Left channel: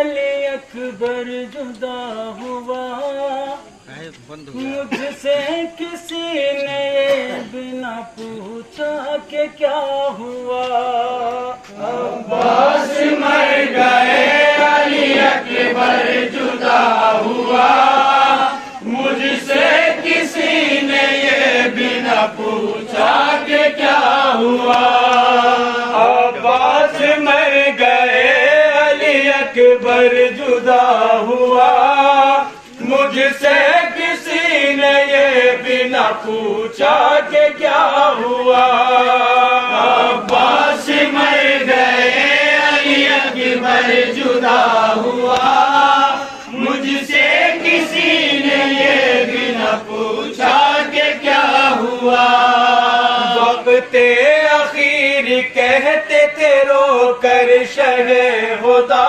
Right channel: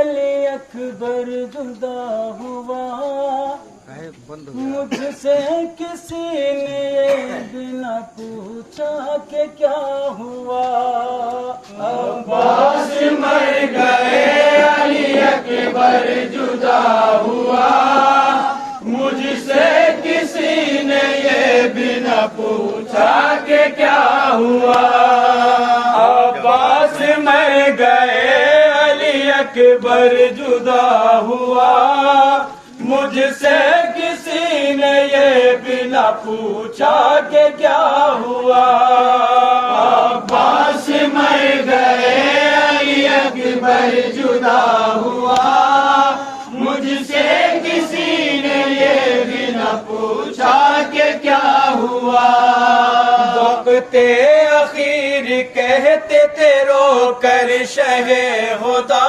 علی اکبر جدا ہوا مجھ سے کسی نے یہ بنا پوچھا کہ کیا ہوا عباس مر گئے علی اکبر جدا ہوا مجھ سے کسی نے یہ بنا پوچھا کہ کیا ہوا عباس مر گئے علی اکبر جدا ہوا مجھ سے کسی نے یہ بنا پوچھا کہ کیا ہوا عباس مر گئے علی اکبر جدا ہوا مجھ سے کسی نے یہ بنا پوچھا کہ کیا ہوا وقت اخیر کہتے تھے رو کر شہ خدا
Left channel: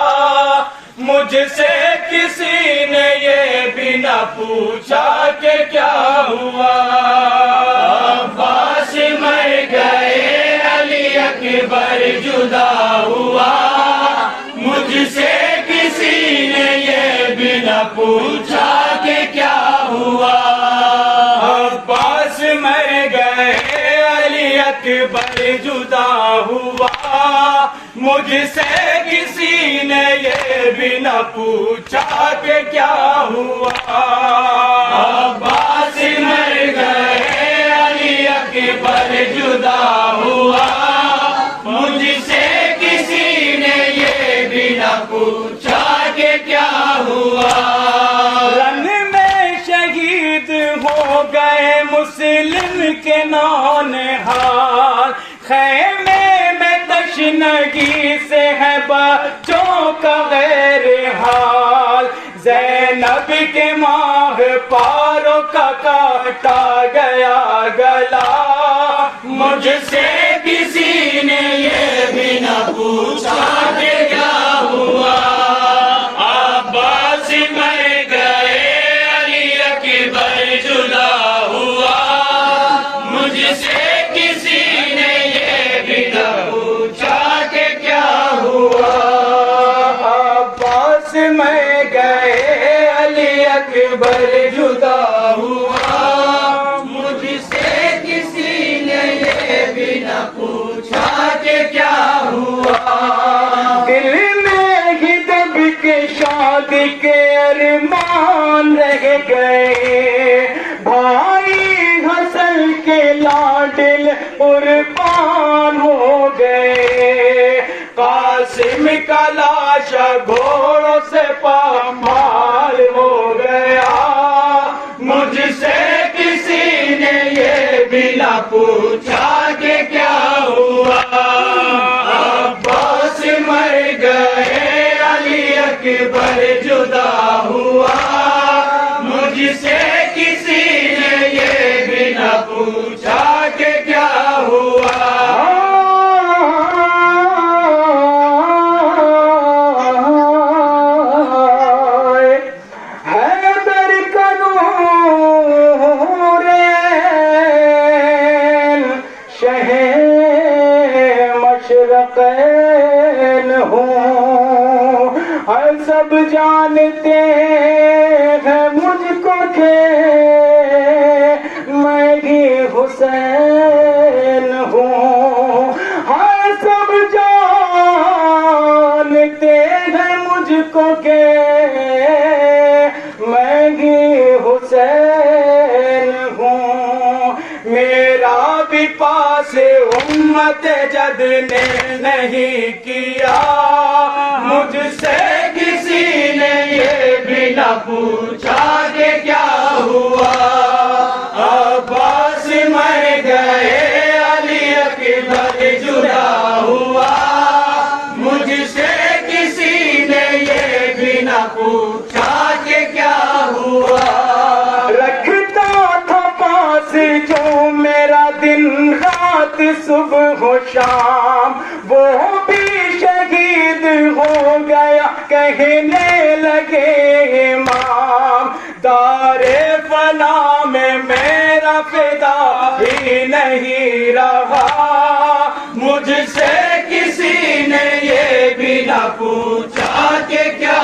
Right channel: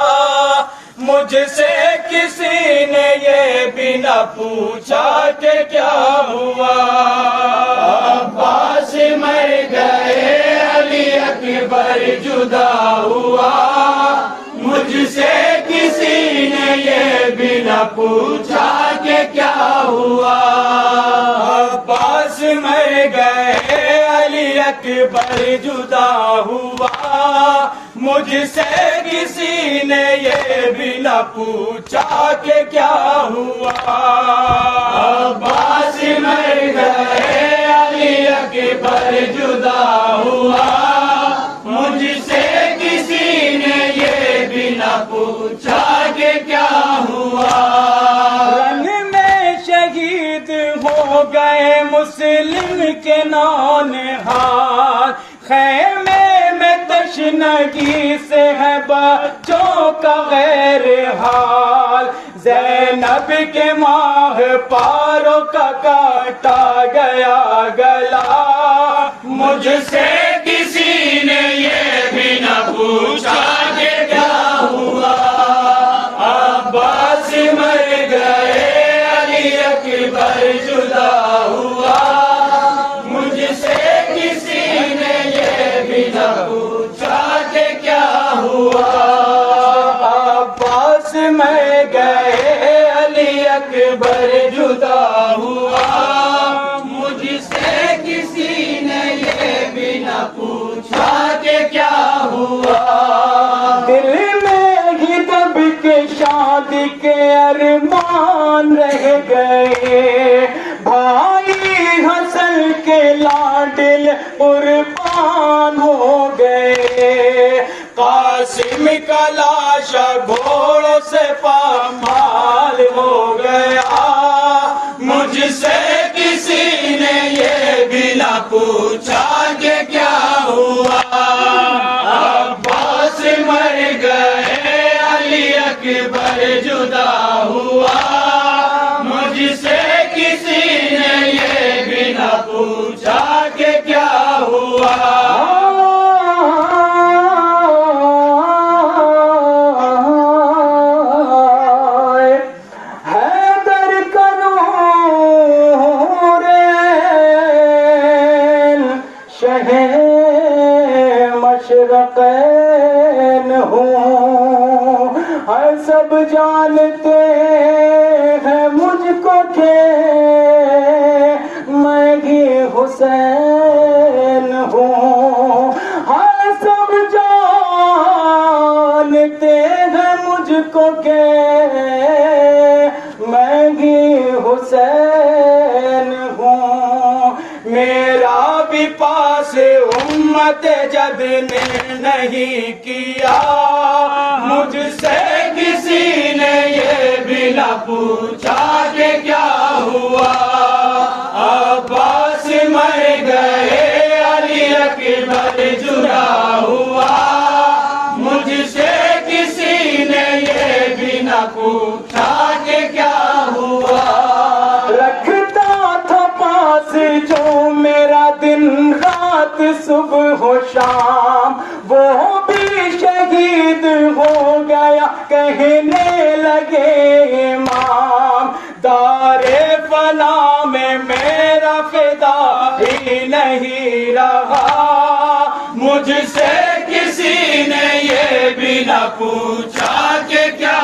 مجھ سے کسی نے یہ بنا پوچھا کہ کیا ہوا عباس مر گئے علی اکبر جدا ہوا مجھ سے کسی نے یہ بنا پوچھا کہ کیا ہوا عباس مر گئے علی اکبر جدا ہوا مجھ سے کسی نے یہ بنا پوچھا کہ کیا ہوا عباس مر گئے علی اکبر جدا ہوا مجھ سے کسی نے یہ بنا پوچھا کہ کیا ہوا رن میں شہید ہو گئے مسلم کے نونہار خیمے میں تشنگی سے ہے بچوں کا غیر حال زینب کے ماہ پاروں کا کاٹا گیا گلا مجھ سے کسی نے یہ بنا پوچھا کہ کیا ہوا عباس مر گئے علی اکبر جدا ہوا مجھ سے کسی نے یہ بنا پوچھا کہ کیا ہوا عباس مر گئے علی اکبر جدا ہوا مجھ سے کسی نے یہ بنا پوچھا کہ کیا ہوا دل میں ہی دب کے شادی کے ارمان رہ گئے بھائی حسن کے لاڈل قربان ہو گئے قاسم کا لاشا گھوڑوں سے پامال ہو گیا مجھ سے کسی نے یہ بنا پوچھا کہ کیا ہوا عباس مر گئے علی اکبر جدا ہوا مجھ سے کسی نے یہ بنا پوچھا کہ کیا ہوا سب جانتے ہیں مجھ کو کہ میں ہی حسین ہوں ہاں سب جانتے ہیں مجھ کو کہ میں ہی حسین ہوں میرا بھی پاس امت جد نے نہیں کیا مجھ سے کسی نے یہ بنا پوچھا کہ کیا ہوا عباس مر گئے علی اکبر جدا ہوا مجھ سے کسی نے یہ بنا پوچھا کہ کیا ہوا رکھتا تھا پاس جو میرا دن رات صبح و شام وہ بھی شہید ہو گیا کہنے لگے امام دار فنا میں میرا فدا ہی نہیں رہا مجھ سے کسی نے یہ بھی نہ پوچھا کہ کیا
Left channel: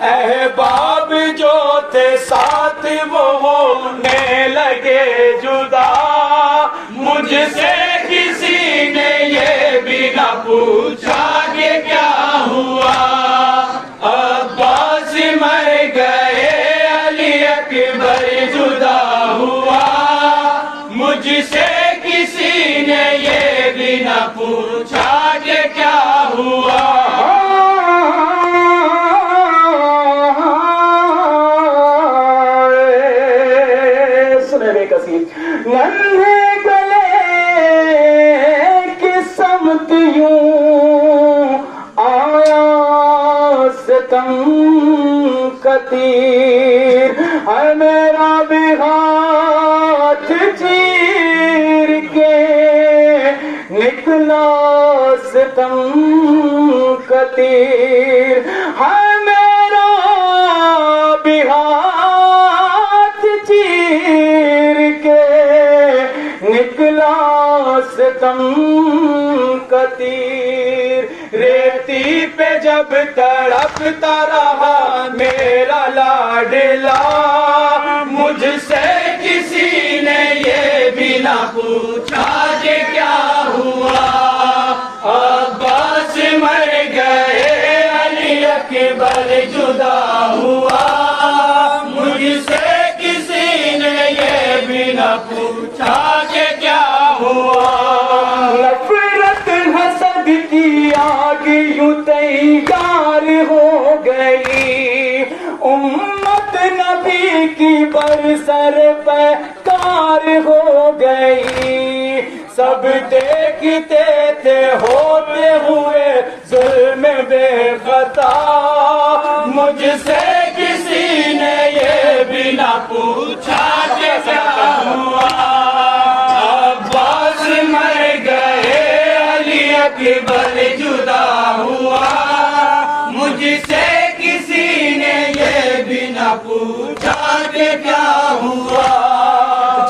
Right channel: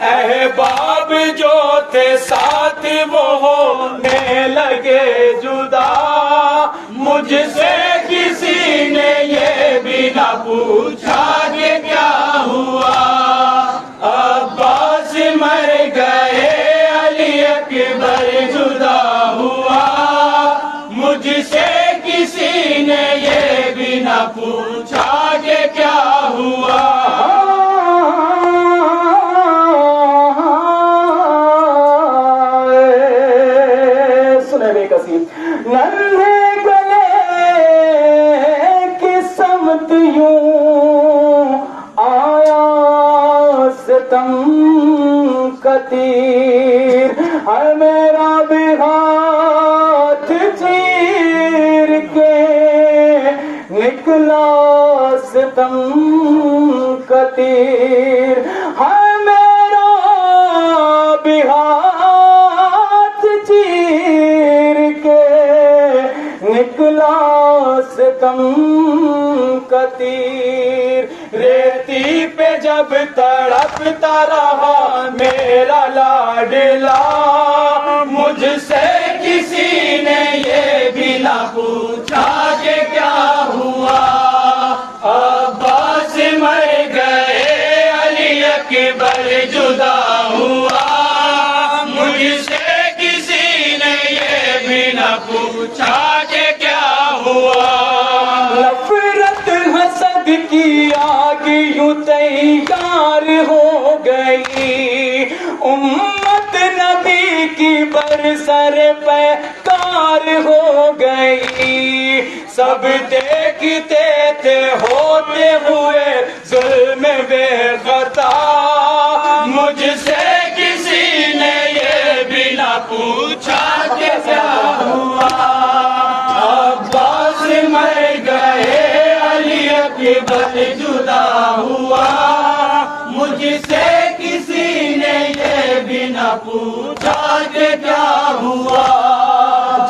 احباب جو تھے ساتھ وہ ہونے لگے جدا، مجھ سے کسی نے یہ بھی نہ پوچھا کہ کیا ہوا، عباس مر گئے علی اکبر جدا ہوا، مجھ سے کسی نے یہ بھی نہ پوچھا کہ کیا ہوا۔ ننھے گلے کی سمت یوں آیا ستم کا تیر، ہے میرا بھی ہاتھ چیر کے نکلا ستم کا تیر، ہے میرا بھی ہاتھ چیر کے نکلا ستم کا تیر، ریتی پہ جب تڑپتا رہا میرا لاڈلا، مجھ سے کسی نے یہ بھی نہ پوچھا کہ کیا ہوا، عباس مر گئے علی اکبر جدا ہوا، مجھ سے کسی نے یہ بھی نہ پوچھا کہ کیا ہوا۔ نفرت حسد کی آگ یوں تیار ہو گئی، امت نبی کی برسر پہ کار ہو گئی، سب دیکھتے تھے ہوتے ہوئے ظلم بے خطا، مجھ سے کسی نے یہ بھی نہ پوچھا کہ کیا ہوا، عباس مر گئے علی اکبر جدا ہوا، مجھ سے کسی نے یہ بھی نہ پوچھا کہ کیا ہوا۔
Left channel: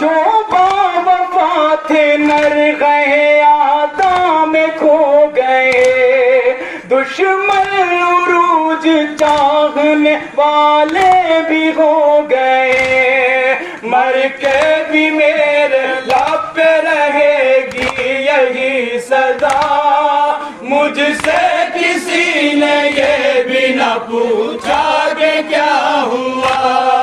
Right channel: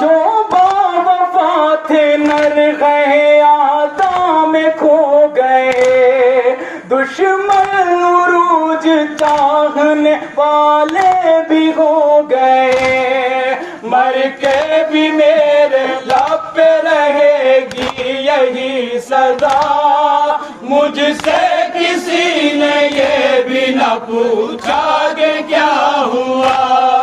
جو باوفا تھے نر گئے آدھا میں کھو گئے، دشمن عروج چاہنے والے بھی ہو گئے، مر کے بھی میرے لب پہ رہے گی یہی صدا، مجھ سے کسی نے یہ بھی نہ پوچھا کہ کیا ہوا۔